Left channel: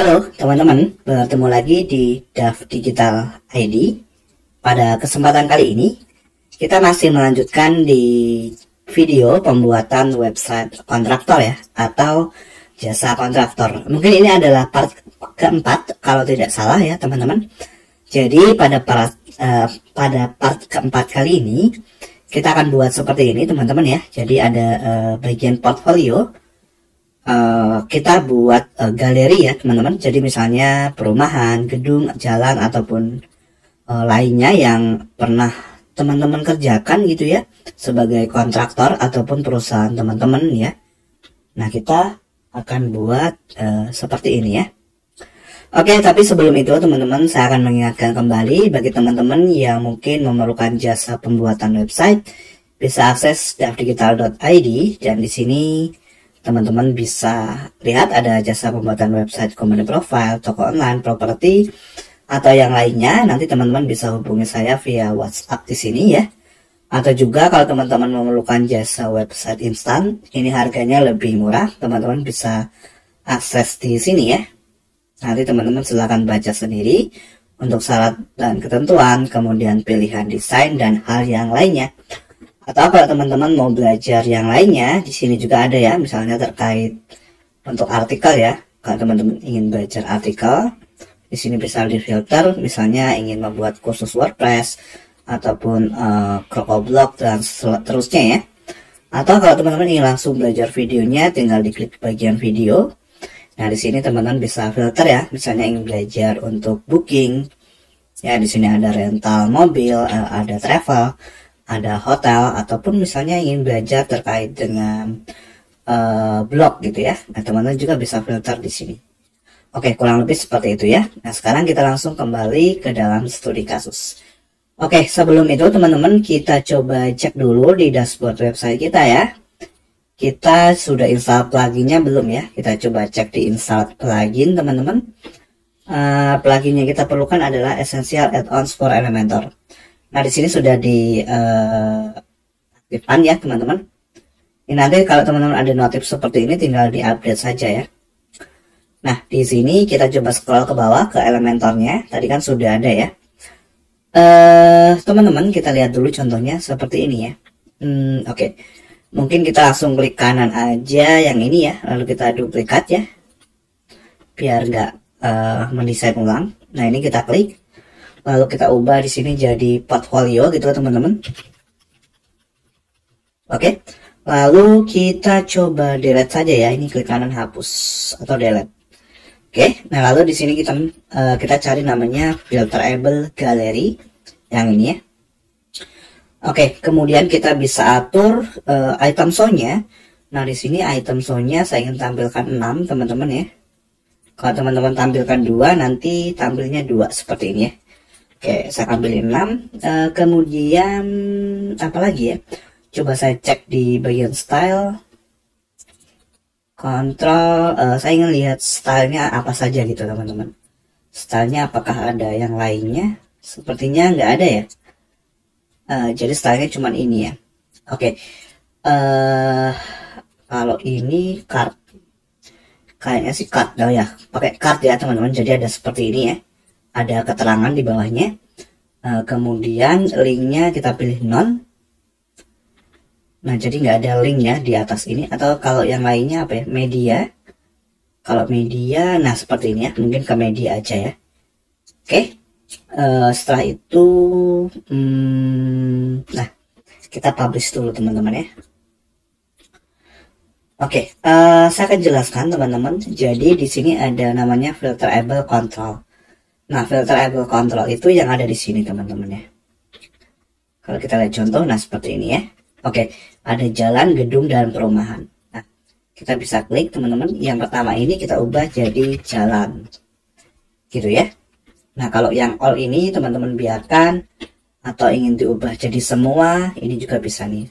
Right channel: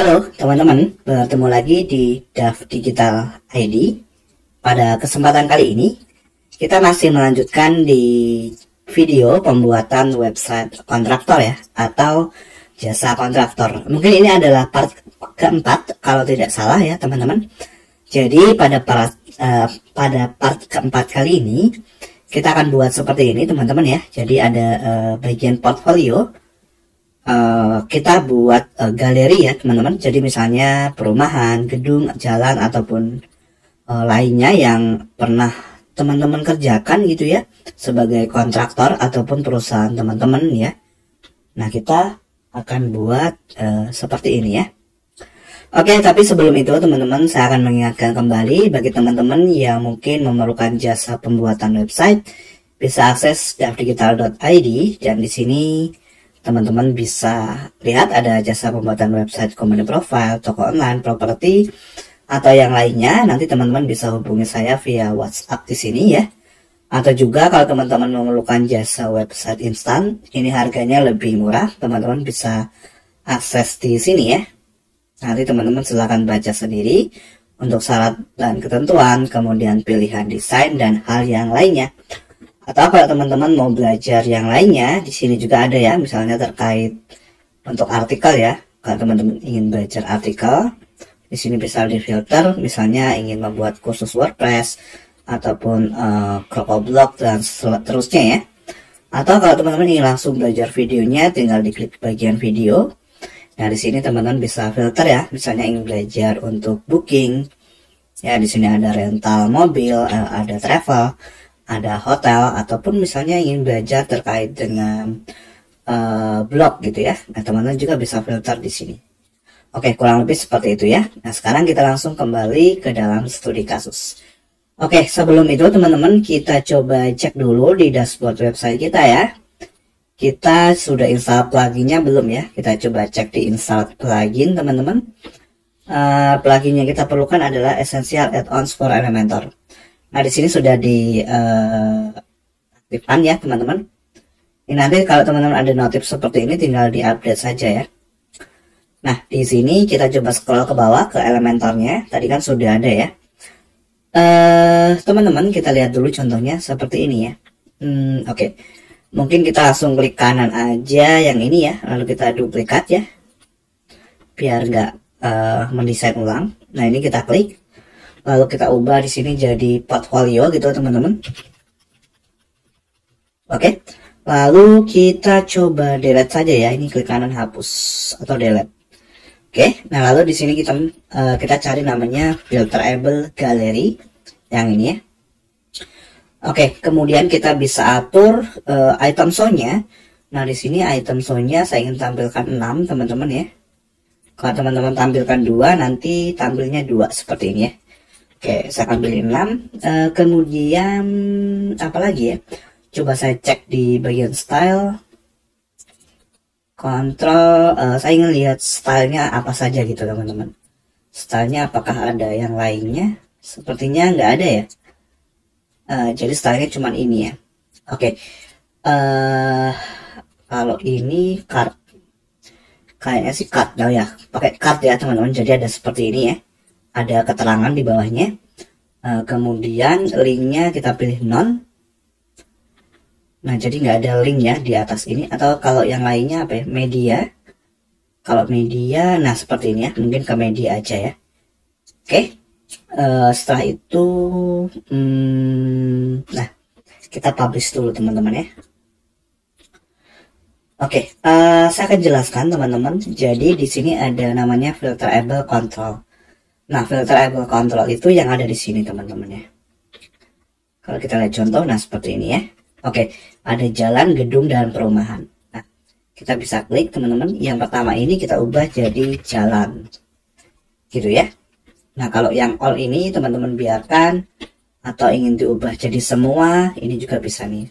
Halo teman-teman, bertemu lagi di DAF Digital ID. Pada kesempatan kali ini, kita masih melanjutkan di video pembuatan website kontraktor ya, atau jasa kontraktor. Mungkin ini adalah part keempat, kalau tidak salah ya teman-teman. Jadi pada part keempat kali ini, kita akan buat seperti ini teman-teman ya. Jadi ada bagian portfolio. Kita buat galeri ya teman-teman. Jadi misalnya perumahan, gedung, jalan ataupun lainnya yang pernah teman-teman kerjakan gitu ya, sebagai kontraktor ataupun perusahaan teman-teman ya. Nah, kita akan buat seperti ini ya. Oke, tapi sebelum itu teman-teman, saya akan mengingatkan kembali bagi teman-teman yang mungkin memerlukan jasa pembuatan website, bisa akses dafdigital.id, dan di sini teman-teman bisa lihat ada jasa pembuatan website, company profile, toko online, properti, atau yang lainnya. Nanti teman-teman bisa hubungi saya via WhatsApp di sini ya. Atau juga kalau teman-teman memerlukan jasa website instan, ini harganya lebih murah, teman-teman bisa akses di sini ya. Nanti teman-teman silahkan baca sendiri untuk syarat dan ketentuan, kemudian pilihan desain dan hal yang lainnya. Atau kalau teman-teman mau belajar yang lainnya, di sini juga ada ya, misalnya terkait untuk artikel ya. Kalau teman-teman ingin belajar artikel, di sini bisa difilter, misalnya ingin membuat kursus WordPress ataupun Krokoblog dan seterusnya ya. Atau kalau teman-teman ingin langsung belajar videonya, tinggal diklik bagian video. Nah, di sini teman-teman bisa filter ya, misalnya ingin belajar untuk booking. Ya, di sini ada rental mobil, ada travel, ada hotel, ataupun misalnya ingin belajar terkait dengan blog gitu ya. Nah, teman-teman juga bisa filter di sini. Oke, kurang lebih seperti itu ya. Nah, sekarang kita langsung kembali ke dalam studi kasus. Oke, sebelum itu teman-teman, kita coba cek dulu di dashboard website kita ya. Kita sudah install pluginnya belum ya? Kita coba cek di install plugin teman-teman. Plugin yang kita perlukan adalah Essential Add-ons for Elementor. Nah, di sini sudah diaktifkan ya teman-teman. Ini nanti kalau teman-teman ada notif seperti ini, tinggal diupdate saja ya. Nah, di sini kita coba scroll ke bawah ke Elementornya. Tadi kan sudah ada ya. Teman-teman, kita lihat dulu contohnya seperti ini ya. Oke. Mungkin kita langsung klik kanan aja yang ini ya, lalu kita duplikat ya, biar nggak mendesain ulang. Nah, ini kita klik, lalu kita ubah di sini jadi portfolio gitu teman-teman. Oke, lalu kita coba delete saja ya, ini klik kanan hapus atau delete. Oke, nah lalu di sini kita cari namanya filterable gallery yang ini ya. Oke, kemudian kita bisa atur item show-nya. Nah, di sini item show-nya saya ingin tampilkan 6, teman-teman ya. Kalau teman-teman tampilkan 2, nanti tampilnya 2 seperti ini ya. Oke, saya ambil 6. Kemudian apa lagi ya? Coba saya cek di bagian style. Kontrol, saya ingin lihat stylenya apa saja gitu teman-teman. Stylenya apakah ada yang lainnya? Sepertinya nggak ada ya. Jadi stylenya cuma ini ya. Oke, kalau ini card, kayaknya sih card ya, pakai card ya teman-teman. Jadi ada seperti ini ya, ada keterangan di bawahnya. Kemudian linknya kita pilih non. Nah, jadi nggak ada link ya di atas ini. Atau kalau yang lainnya apa ya, media. Kalau media, nah seperti ini ya, mungkin ke media aja ya. Oke. Setelah itu nah, kita publish dulu teman-teman ya. Oke, saya akan jelaskan teman-teman. Jadi di sini ada namanya filterable control. Nah, filterable control itu yang ada di sini teman-teman ya. Kalau kita lihat contoh, nah seperti ini ya. Oke, ada jalan, gedung, dan perumahan. Nah, kita bisa klik teman-teman. Yang pertama ini kita ubah jadi jalan, gitu ya. Nah, kalau yang all ini teman-teman biarkan, atau ingin diubah jadi semua, ini juga bisa nih.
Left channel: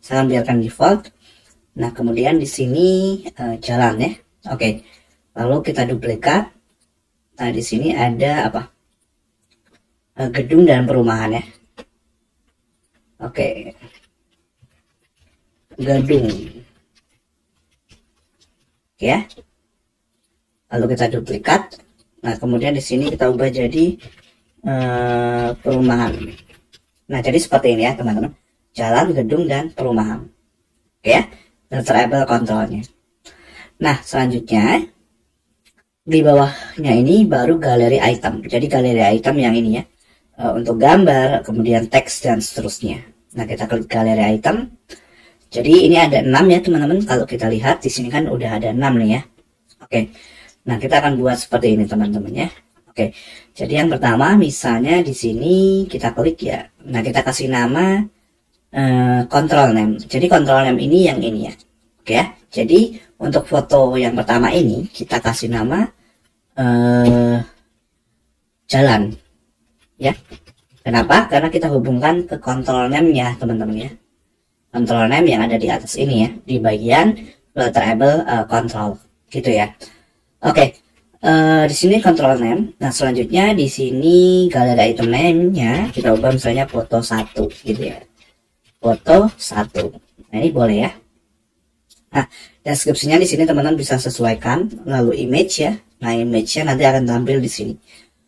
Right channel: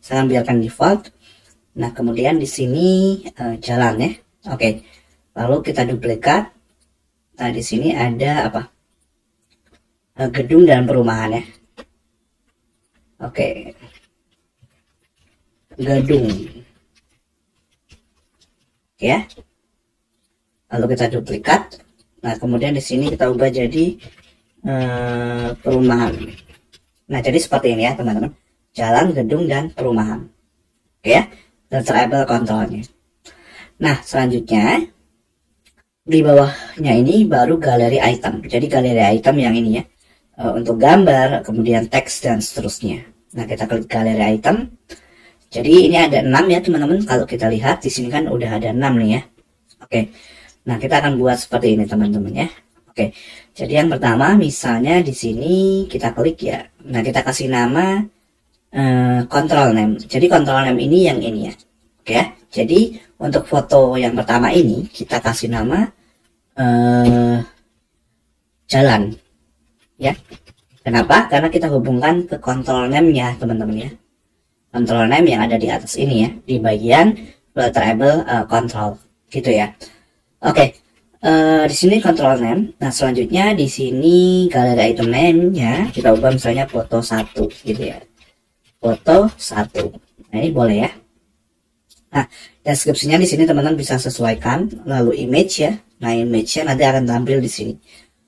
Saya biarkan default. Nah, kemudian di sini jalan ya. Oke. Lalu kita duplikat. Nah, di sini ada apa? Gedung dan perumahan ya. Oke. Gedung. Ya. lalu kita duplikat. Nah, kemudian di sini kita ubah jadi perumahan. Nah, jadi seperti ini ya teman-teman, jalan, gedung, dan perumahan. Oke ya, filterable kontrolnya. Nah, selanjutnya di bawahnya ini baru galeri item. Jadi galeri item yang ini ya, untuk gambar, kemudian teks, dan seterusnya. Nah, kita klik galeri item. Jadi ini ada 6 ya teman-teman. Kalau kita lihat di sini kan udah ada 6 nih ya. Oke. Nah, kita akan buat seperti ini teman-teman ya. Oke. Jadi yang pertama misalnya di sini kita klik ya. Nah, kita kasih nama control name. Jadi control name ini yang ini ya. Oke ya. Jadi untuk foto yang pertama ini kita kasih nama jalan ya. Kenapa? Karena kita hubungkan ke control name-nya teman-teman ya. Control name yang ada di atas ini ya, di bagian filterable control gitu ya. Oke, di sini control name. Nah, selanjutnya di sini galeri item name-nya kita ubah misalnya foto 1 gitu ya. Foto 1. Nah, ini boleh ya. Nah, deskripsinya di sini teman-teman bisa sesuaikan. Lalu image ya. Nah, image-nya nanti akan tampil di sini.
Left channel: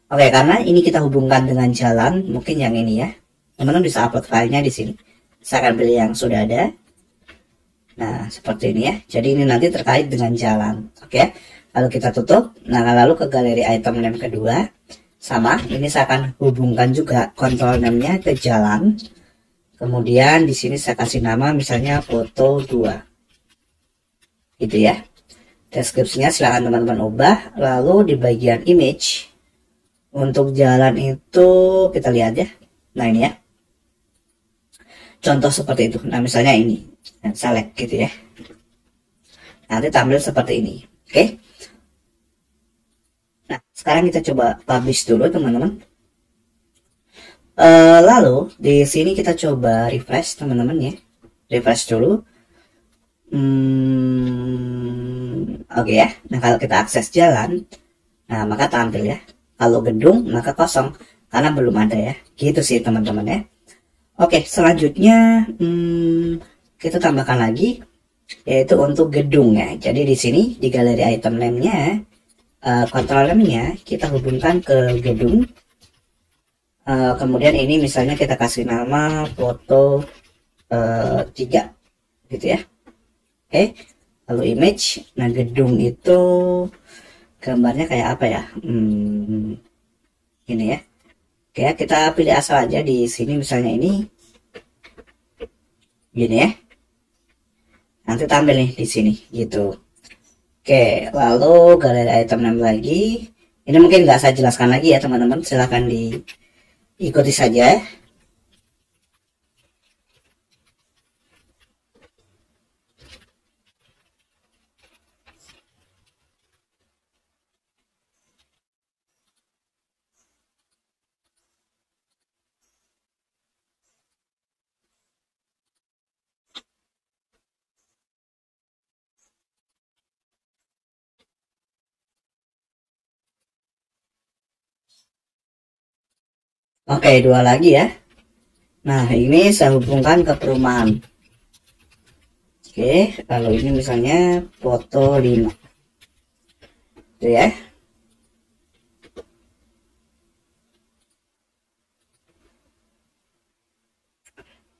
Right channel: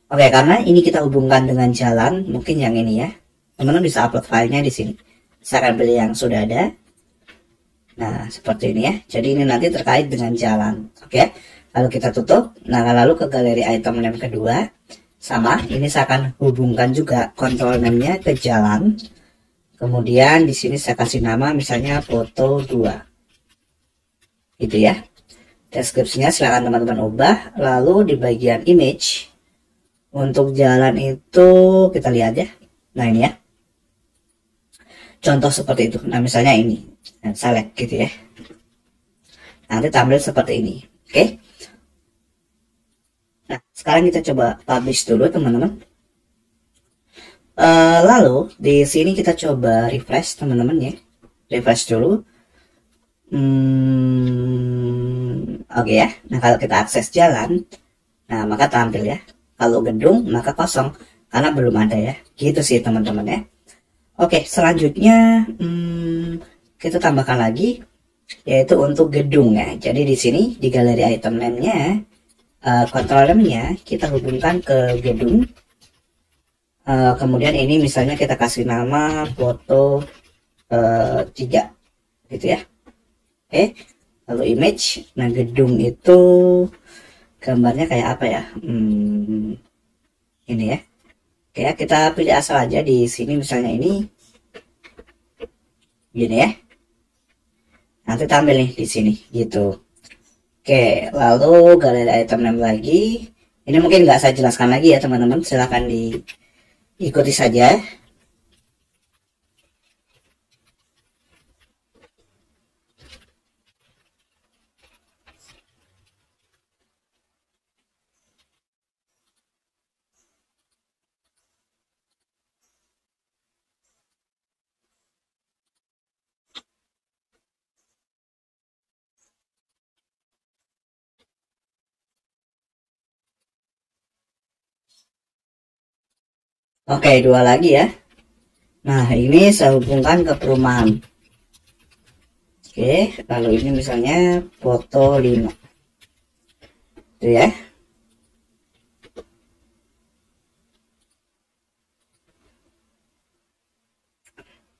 Oke, karena ini kita hubungkan dengan jalan, mungkin yang ini ya. Teman-teman bisa upload filenya di sini. Saya akan pilih yang sudah ada. Nah, seperti ini ya. Jadi ini nanti terkait dengan jalan. Oke. Lalu kita tutup. Nah, lalu ke galeri item name kedua. Sama, ini saya akan hubungkan juga control name-nya ke jalan. Kemudian di sini saya kasih nama misalnya foto 2. Gitu ya. Deskripsinya silahkan teman-teman ubah. Lalu di bagian image, untuk jalan itu kita lihat ya. Nah, ini ya. Contoh seperti itu. Nah, misalnya ini. Nah, select gitu ya. Nanti tampil seperti ini. Oke. Nah, sekarang kita coba publish dulu teman-teman. Lalu di sini kita coba refresh teman-teman ya. Refresh dulu. Oke ya. Nah, kalau kita akses jalan, nah maka tampil ya. Kalau gedung maka kosong karena belum ada ya. Gitu sih teman-teman ya. Oke, selanjutnya kita tambahkan lagi yaitu untuk gedung ya. Jadi di sini di galeri item name-nya, control name-nya kita hubungkan ke gedung. Kemudian ini misalnya kita kasih nama foto 3 gitu ya. Oke, lalu image. Nah, gedung itu gambarnya kayak apa ya? Ini ya. Oke, kita pilih asal aja di sini misalnya ini. Gini ya. Nanti tampil nih di sini gitu. Oke, lalu galeri item name lagi. Ini mungkin nggak saya jelaskan lagi ya teman-teman. Silahkan diikuti saja. Oke, 2 lagi ya. Nah, ini saya hubungkan ke perumahan. Oke, lalu ini misalnya foto 5. Itu ya.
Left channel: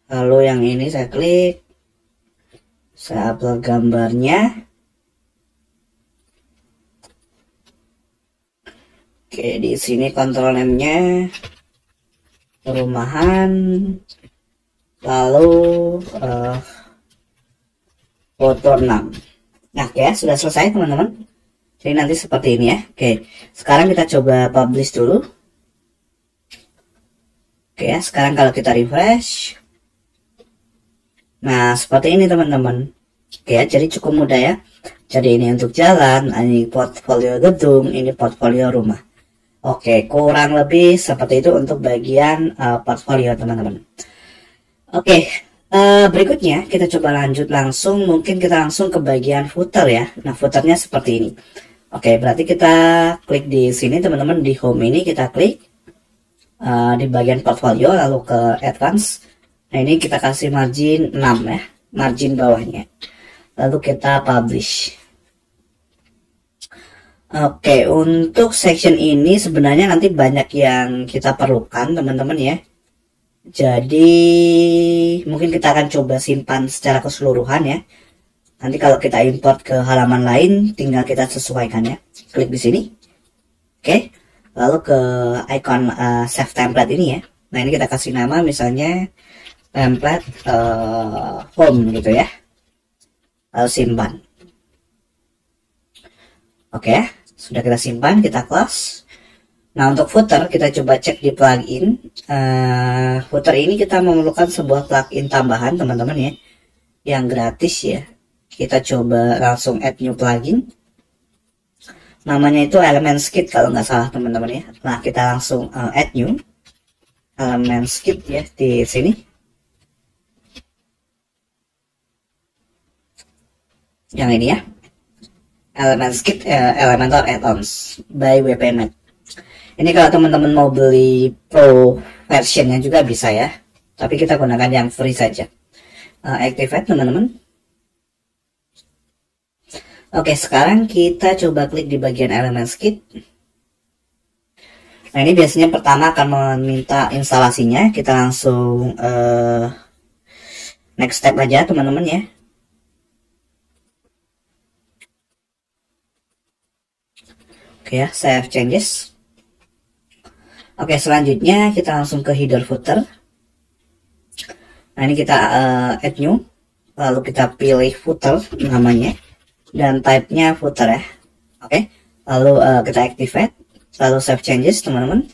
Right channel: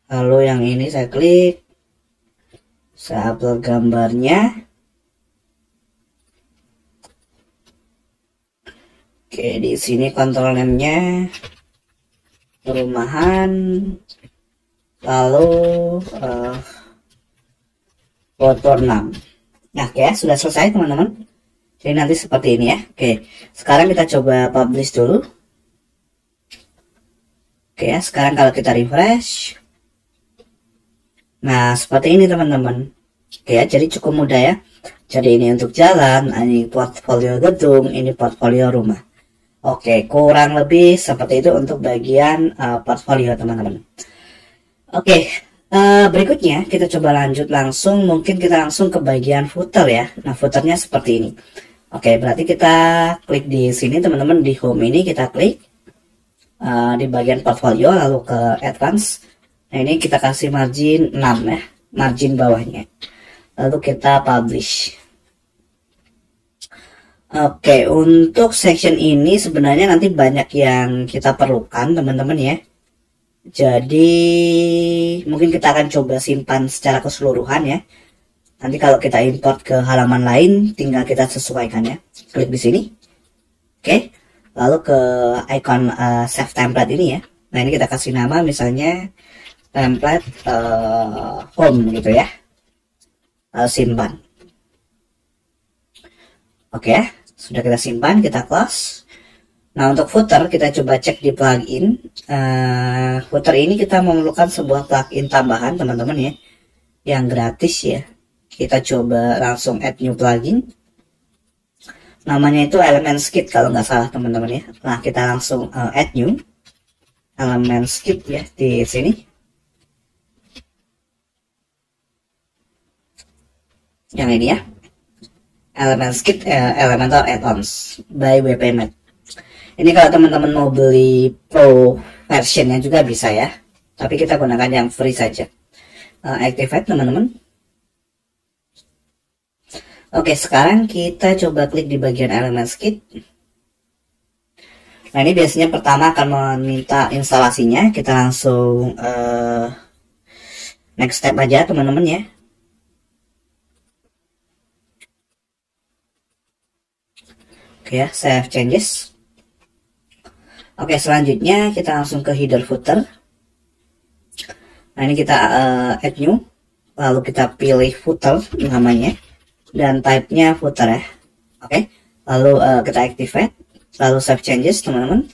Lalu yang ini saya klik. Saya upload gambarnya. Oke, di sini control name-nya perumahan, lalu foto 6. Nah, oke ya, sudah selesai teman-teman. Jadi nanti seperti ini ya. Oke, sekarang kita coba publish dulu. Oke ya, sekarang kalau kita refresh, nah seperti ini teman-teman. Oke ya, jadi cukup mudah ya. Jadi ini untuk jalan, ini portfolio gedung, ini portfolio rumah. Oke, kurang lebih seperti itu untuk bagian portfolio teman-teman. Oke, berikutnya kita coba lanjut langsung. Mungkin kita langsung ke bagian footer ya. Nah, footernya seperti ini. Oke, berarti kita klik di sini teman-teman, di home ini kita klik di bagian portfolio, lalu ke advance. Nah, ini kita kasih margin 6 ya, margin bawahnya. Lalu kita publish. Oke, untuk section ini sebenarnya nanti banyak yang kita perlukan teman-teman ya. Jadi mungkin kita akan coba simpan secara keseluruhan ya. Nanti kalau kita import ke halaman lain, tinggal kita sesuaikan ya. Klik di sini. Oke, lalu ke icon save template ini ya. Nah ini kita kasih nama misalnya template home gitu ya. Lalu simpan. Oke, sudah kita simpan, kita close. Nah untuk footer kita coba cek di plugin. Footer ini kita memerlukan sebuah plugin tambahan teman-teman ya, yang gratis ya. Kita coba langsung add new plugin. Namanya itu Elements Kit kalau nggak salah teman-teman ya. Nah kita langsung add new Elements Kit ya di sini. Yang ini ya. Elements Kit Elementor Add-ons by WPMate. Ini kalau teman-teman mau beli pro versionnya juga bisa ya. Tapi kita gunakan yang free saja. Activate teman-teman. Oke, sekarang kita coba klik di bagian Elements Kit. Nah ini biasanya pertama akan meminta instalasinya. Kita langsung next step aja teman-teman ya. Oke ya, save changes. Oke, selanjutnya kita langsung ke header footer. Nah ini kita add new, lalu kita pilih footer namanya dan type-nya footer ya. Oke, lalu kita activate, lalu save changes teman-teman.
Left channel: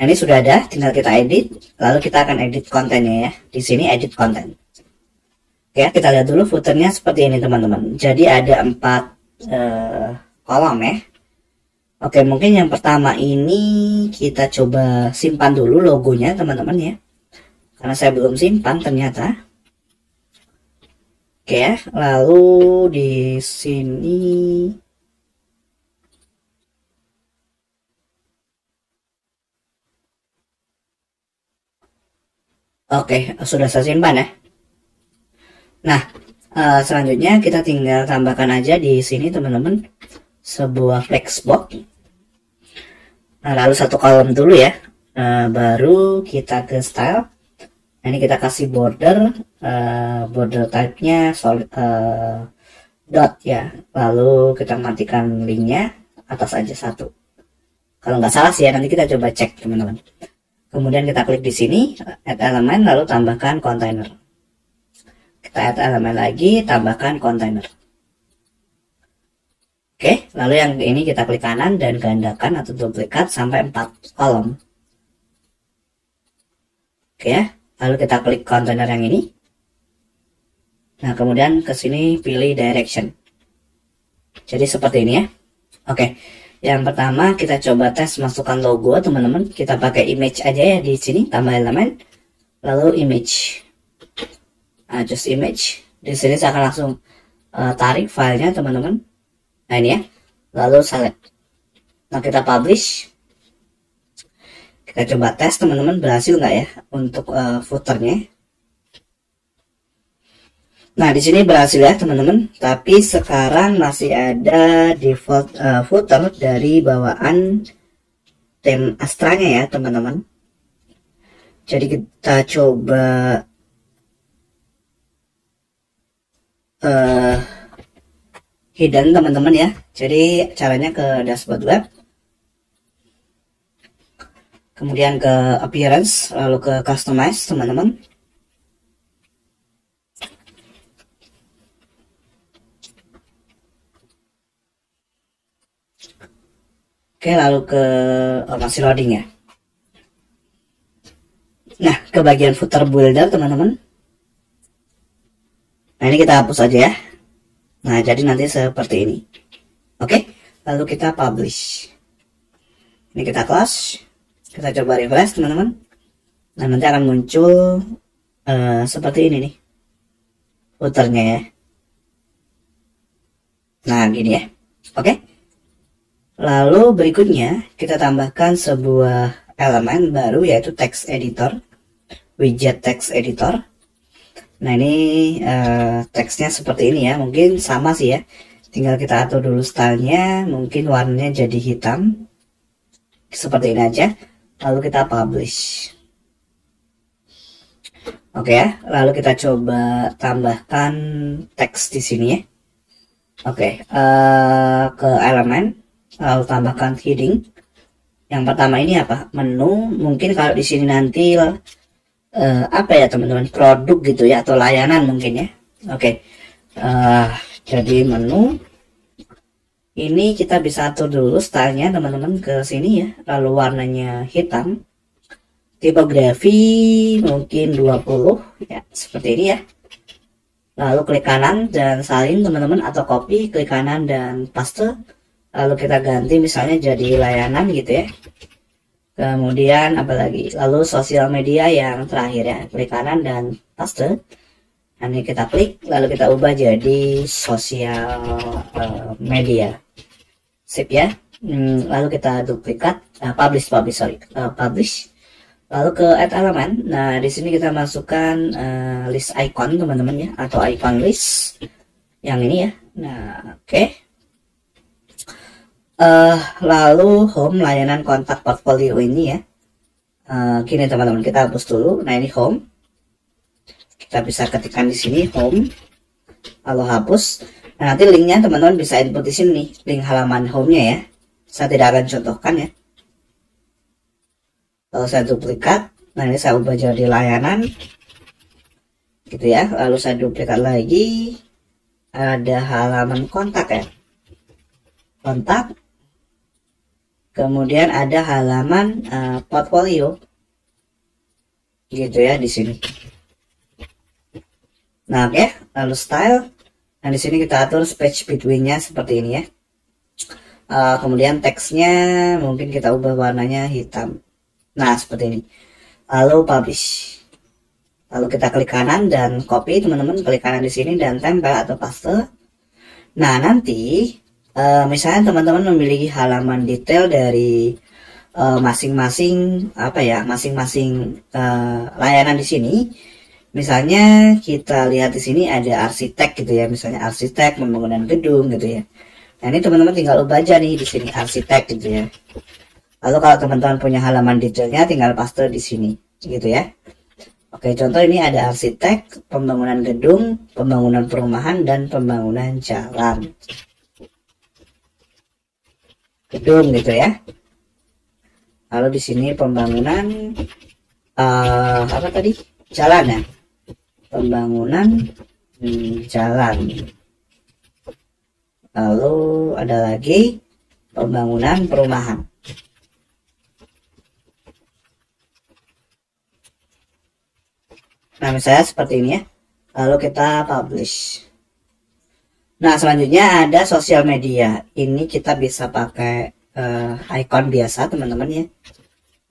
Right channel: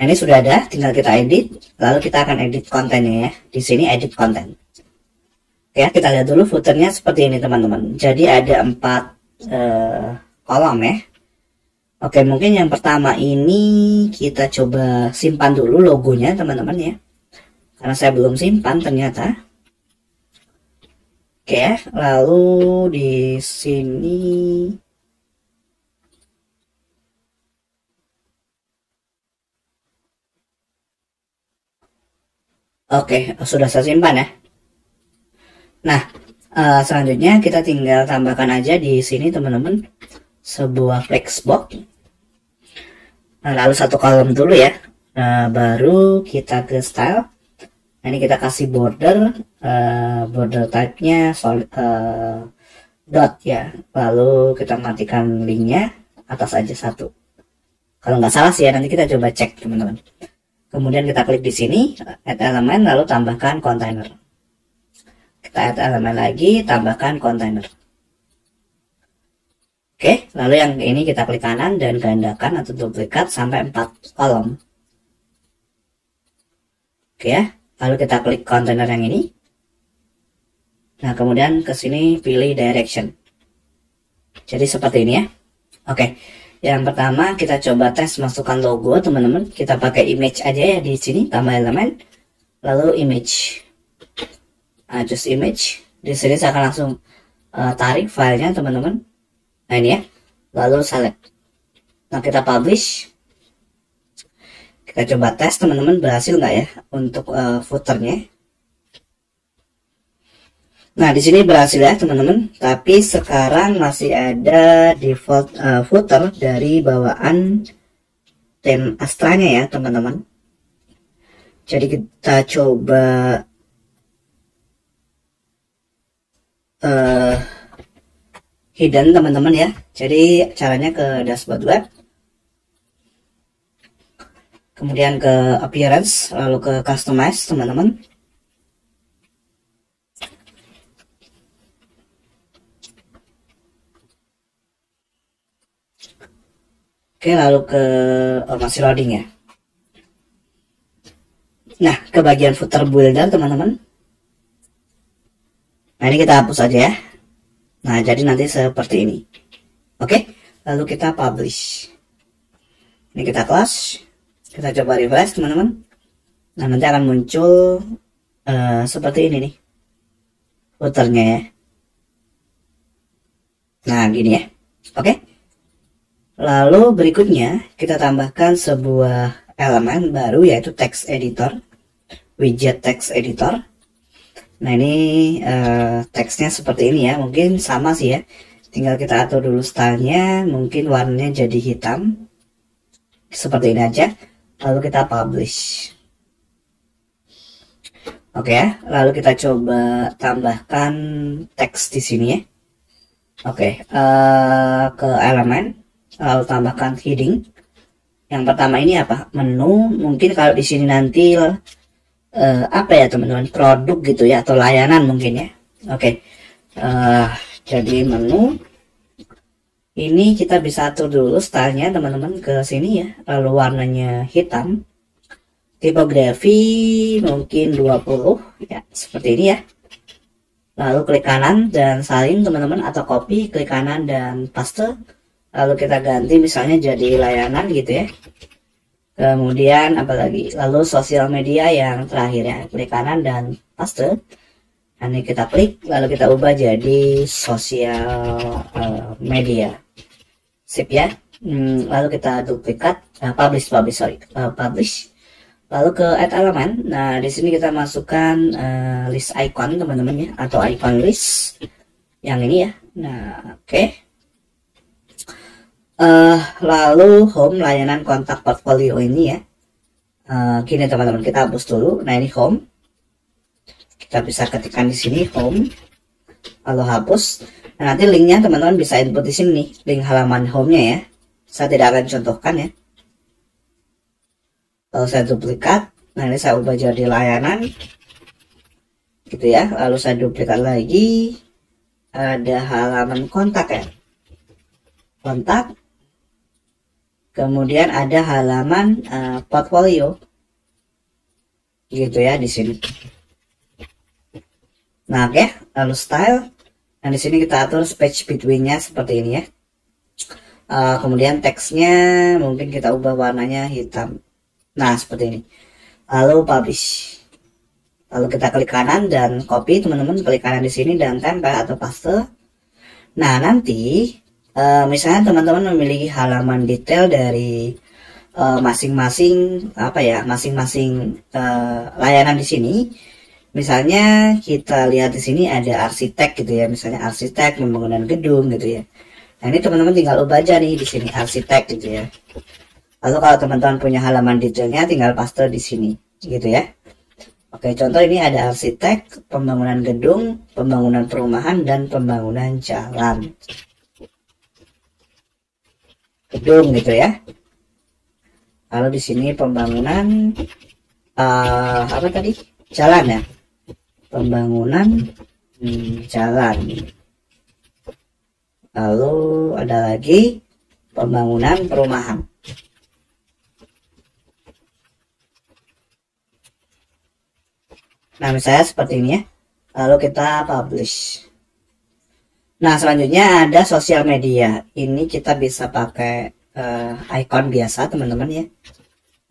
Nah, ini sudah ada, tinggal kita edit, lalu kita akan edit kontennya ya. Di sini edit konten. Oke, kita lihat dulu footernya seperti ini teman-teman. Jadi ada 4 kolom ya. Oke, mungkin yang pertama ini kita coba simpan dulu logonya teman-teman ya. Karena saya belum simpan ternyata. Oke ya, lalu di sini oke, sudah saya simpan ya. Nah, selanjutnya kita tinggal tambahkan aja di sini teman-teman sebuah flexbox. Nah, lalu 1 kolom dulu ya. Baru kita ke style. Nah, ini kita kasih border, border type-nya solid dot ya. Lalu kita matikan linknya, atas aja 1. Kalau nggak salah sih ya, nanti kita coba cek teman-teman. Kemudian kita klik di sini, add elemen, lalu tambahkan container. Kita add elemen lagi, tambahkan container. Oke, lalu yang ini kita klik kanan dan gandakan atau duplikat sampai 4 kolom. Oke ya, lalu kita klik container yang ini. Nah, kemudian ke sini pilih direction. Jadi seperti ini ya. Oke, yang pertama kita coba tes masukkan logo teman-teman. Kita pakai image aja ya di sini, tambah elemen, lalu image. Nah, just image. Di sini saya akan langsung tarik filenya teman-teman. Nah ini ya, lalu select. Nah kita publish. Kita coba tes teman-teman berhasil nggak ya untuk footernya. Nah di sini berhasil ya teman-teman. Tapi sekarang masih ada default footer dari bawaan theme Astra-nya ya teman-teman. Jadi kita coba hidden teman-teman ya. Jadi caranya ke dashboard web, kemudian ke appearance, lalu ke customize teman-teman. Oke, lalu ke masih loading ya. Nah ke bagian footer builder teman-teman. Nah ini kita hapus aja ya. Nah, jadi nanti seperti ini. Oke, lalu kita publish. Ini kita close. Kita coba refresh, teman-teman. Nah, nanti akan muncul seperti ini nih. Footernya ya. Nah, gini ya. Oke. Lalu berikutnya, kita tambahkan sebuah elemen baru, yaitu text editor. Widget text editor. Nah ini teksnya seperti ini ya, mungkin sama sih ya tinggal kita atur dulu stylenya, mungkin warnanya jadi hitam seperti ini aja, lalu kita publish. Oke ya, lalu kita coba tambahkan teks di sini ya. Oke, ke elemen, lalu tambahkan heading. Yang pertama ini apa? Menu. Mungkin kalau di sini nanti apa ya teman-teman, produk gitu ya, atau layanan mungkin ya. Oke, jadi menu. Ini kita bisa atur dulu stylenya teman-teman ke sini ya. Lalu warnanya hitam. Tipografi mungkin 20 ya, seperti ini ya. Lalu klik kanan dan salin teman-teman, atau copy, klik kanan dan paste. Lalu kita ganti misalnya jadi layanan gitu ya. Kemudian apa lagi? Lalu sosial media yang terakhir ya, klik kanan dan paste. Ini kita klik, lalu kita ubah jadi sosial media. Sip ya. Lalu kita duplikat, publish. Lalu ke add element. Nah, di sini kita masukkan list icon teman-teman ya, atau icon list yang ini ya. Nah, oke. Lalu home, layanan kontak portfolio ini ya. Gini teman-teman, kita hapus dulu. Nah, ini home. Kita bisa ketikkan di sini home, lalu hapus. Nah, nanti linknya teman-teman bisa input di sini, link halaman home-nya ya. Saya tidak akan contohkan ya. Lalu saya duplikat. Nah, ini saya ubah jadi layanan gitu ya. Lalu saya duplikat lagi, ada halaman kontak ya, kontak. Kemudian ada halaman portfolio gitu ya di sini. Nah, oke, lalu style. Nah, di sini kita atur space between-nya seperti ini ya. Kemudian teksnya mungkin kita ubah warnanya hitam. Nah, seperti ini. Lalu publish. Lalu kita klik kanan dan copy teman-teman, klik kanan di sini dan tempel atau paste. Nah, nanti misalnya teman-teman memiliki halaman detail dari masing-masing masing-masing layanan di sini. Misalnya kita lihat di sini ada arsitek gitu ya, misalnya arsitek pembangunan gedung gitu ya. Nah, ini teman-teman tinggal ubah aja nih di sini arsitek gitu ya. Lalu kalau teman-teman punya halaman detailnya tinggal paste di sini gitu ya. Oke, contoh ini ada arsitek, pembangunan gedung, pembangunan perumahan, dan pembangunan jalan. Gedung gitu ya. Lalu di sini pembangunan apa tadi? Jalan ya. Pembangunan jalan. Lalu ada lagi pembangunan perumahan. Nah, misalnya seperti ini ya. Lalu kita publish. Nah, selanjutnya ada sosial media. Ini kita bisa pakai icon biasa teman-teman ya.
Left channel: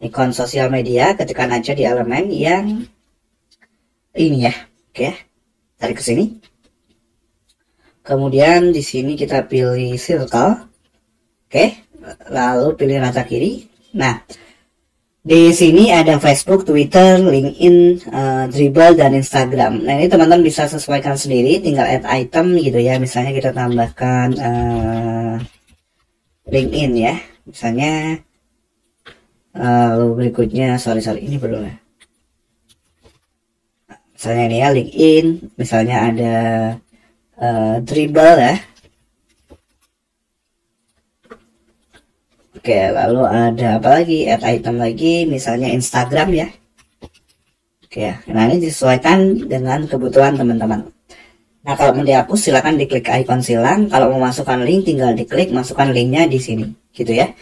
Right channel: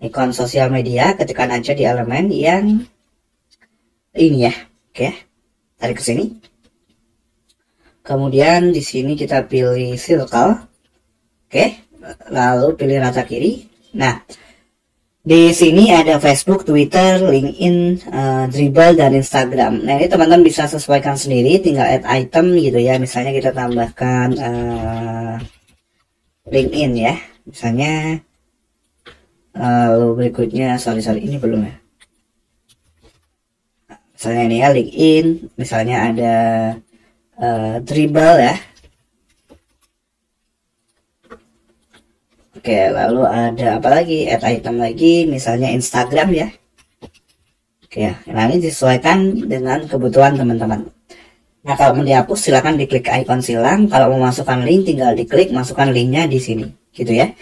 Icon sosial media, ketikkan aja di elemen yang ini ya. Oke. Tarik ke sini. Kemudian di sini kita pilih circle. Oke. Lalu pilih rata kiri. Nah, di sini ada Facebook, Twitter, LinkedIn, Dribbble, dan Instagram. Nah, ini teman-teman bisa sesuaikan sendiri, tinggal add item gitu ya. Misalnya kita tambahkan LinkedIn ya. Misalnya berikutnya, sorry ini belum ya. Misalnya ini ya LinkedIn, misalnya ada Dribbble ya. Oke, lalu ada apa lagi? Add item lagi, misalnya Instagram ya. Oke, nah ini disesuaikan dengan kebutuhan teman-teman. Nah, kalau mau dihapus silahkan diklik icon silang. Kalau mau masukkan link tinggal diklik masukkan linknya di sini, gitu ya.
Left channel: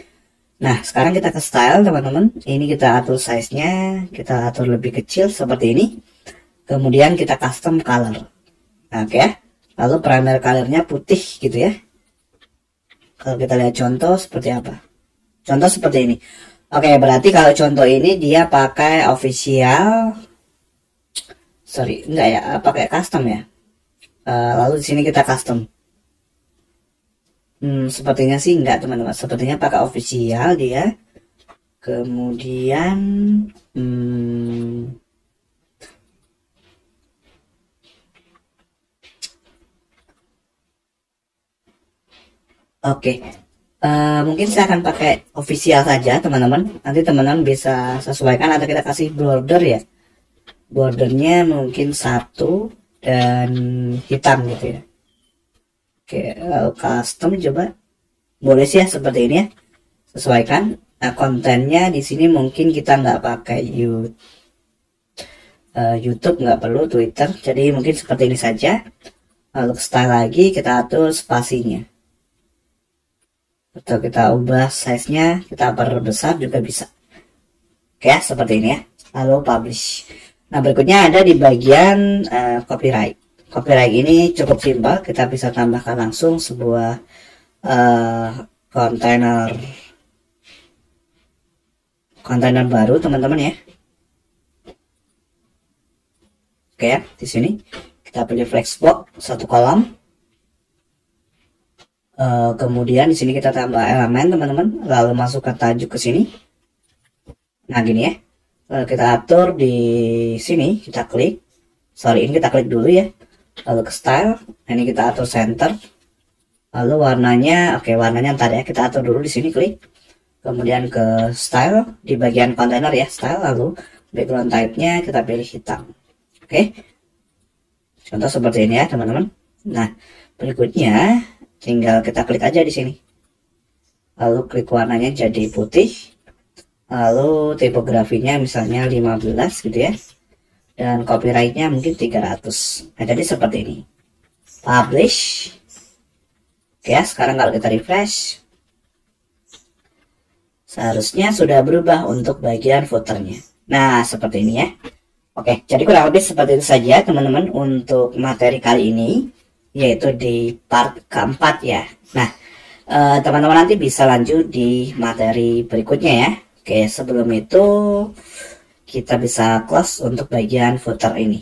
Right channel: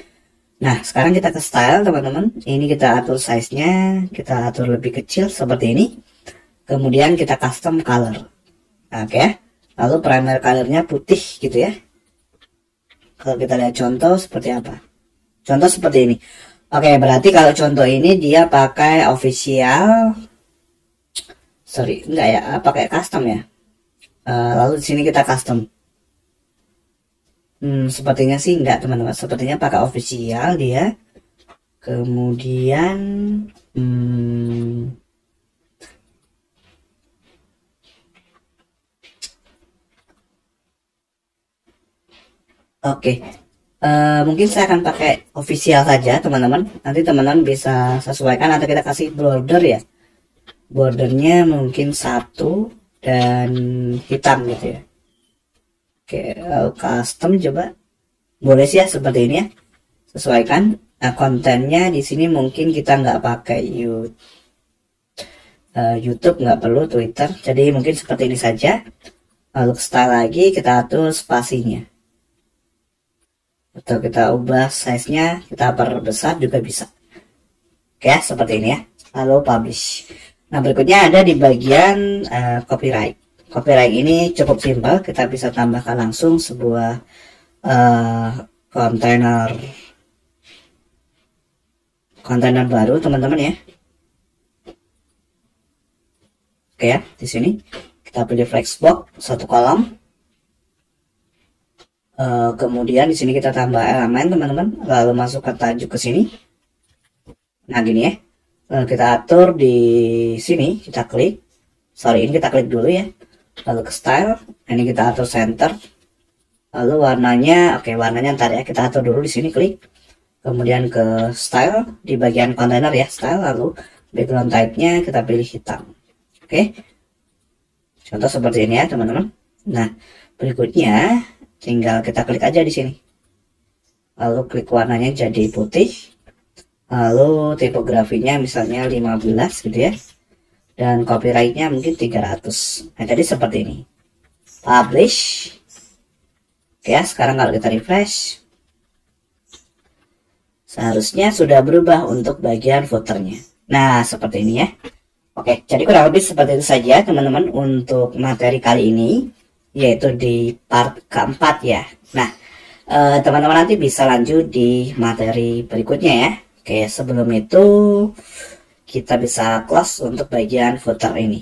Nah, sekarang kita ke style teman-teman. Ini kita atur size-nya, kita atur lebih kecil seperti ini. Kemudian kita custom color. Oke, lalu primary color-nya putih gitu ya. Kalau kita lihat contoh seperti apa? Contoh seperti ini. Oke, berarti kalau contoh ini dia pakai official, sorry, enggak ya, pakai custom ya. Lalu di sini kita custom. Sepertinya sih enggak teman-teman. Sepertinya pakai official dia. Kemudian, Oke, mungkin saya akan pakai official saja teman-teman. Nanti teman-teman bisa sesuaikan atau kita kasih border ya. Bordernya mungkin 1 dan hitam gitu ya. Oke, custom coba. Boleh sih ya seperti ini ya. Sesuaikan. Nah, kontennya di sini mungkin kita nggak pakai YouTube, nggak perlu Twitter. Jadi mungkin seperti ini saja. Lalu style lagi kita atur spasinya. Atau kita ubah size-nya, kita perbesar juga bisa. Oke ya, seperti ini ya. Lalu publish. Nah, berikutnya ada di bagian copyright. Copyright ini cukup simpel, kita bisa tambahkan langsung sebuah kontainer baru teman-teman ya. Oke ya, di sini kita pilih flexbox 1 kolom. Kemudian di sini kita tambah elemen teman-teman, lalu masukkan tajuk ke sini. Nah gini ya, lalu kita atur di sini, kita klik. Sorry, ini kita klik dulu ya. Lalu ke style, ini kita atur center. Lalu warnanya, oke warnanya ntar ya, kita atur dulu di sini, klik. Kemudian ke style di bagian kontainer ya, style. Lalu background type-nya kita pilih hitam. Oke, contoh seperti ini ya teman-teman. Nah berikutnya tinggal kita klik aja di sini. Lalu klik warnanya jadi putih. Lalu tipografinya misalnya 15 gitu ya. Dan copyrightnya mungkin 300. Nah jadi seperti ini. Publish. Oke ya, sekarang kalau kita refresh, seharusnya sudah berubah untuk bagian footernya. Nah seperti ini ya. Oke, jadi kurang lebih seperti itu saja teman-teman untuk materi kali ini, yaitu di part keempat ya. Nah, teman-teman nanti bisa lanjut di materi berikutnya ya. Oke, sebelum itu kita bisa close untuk bagian footer ini.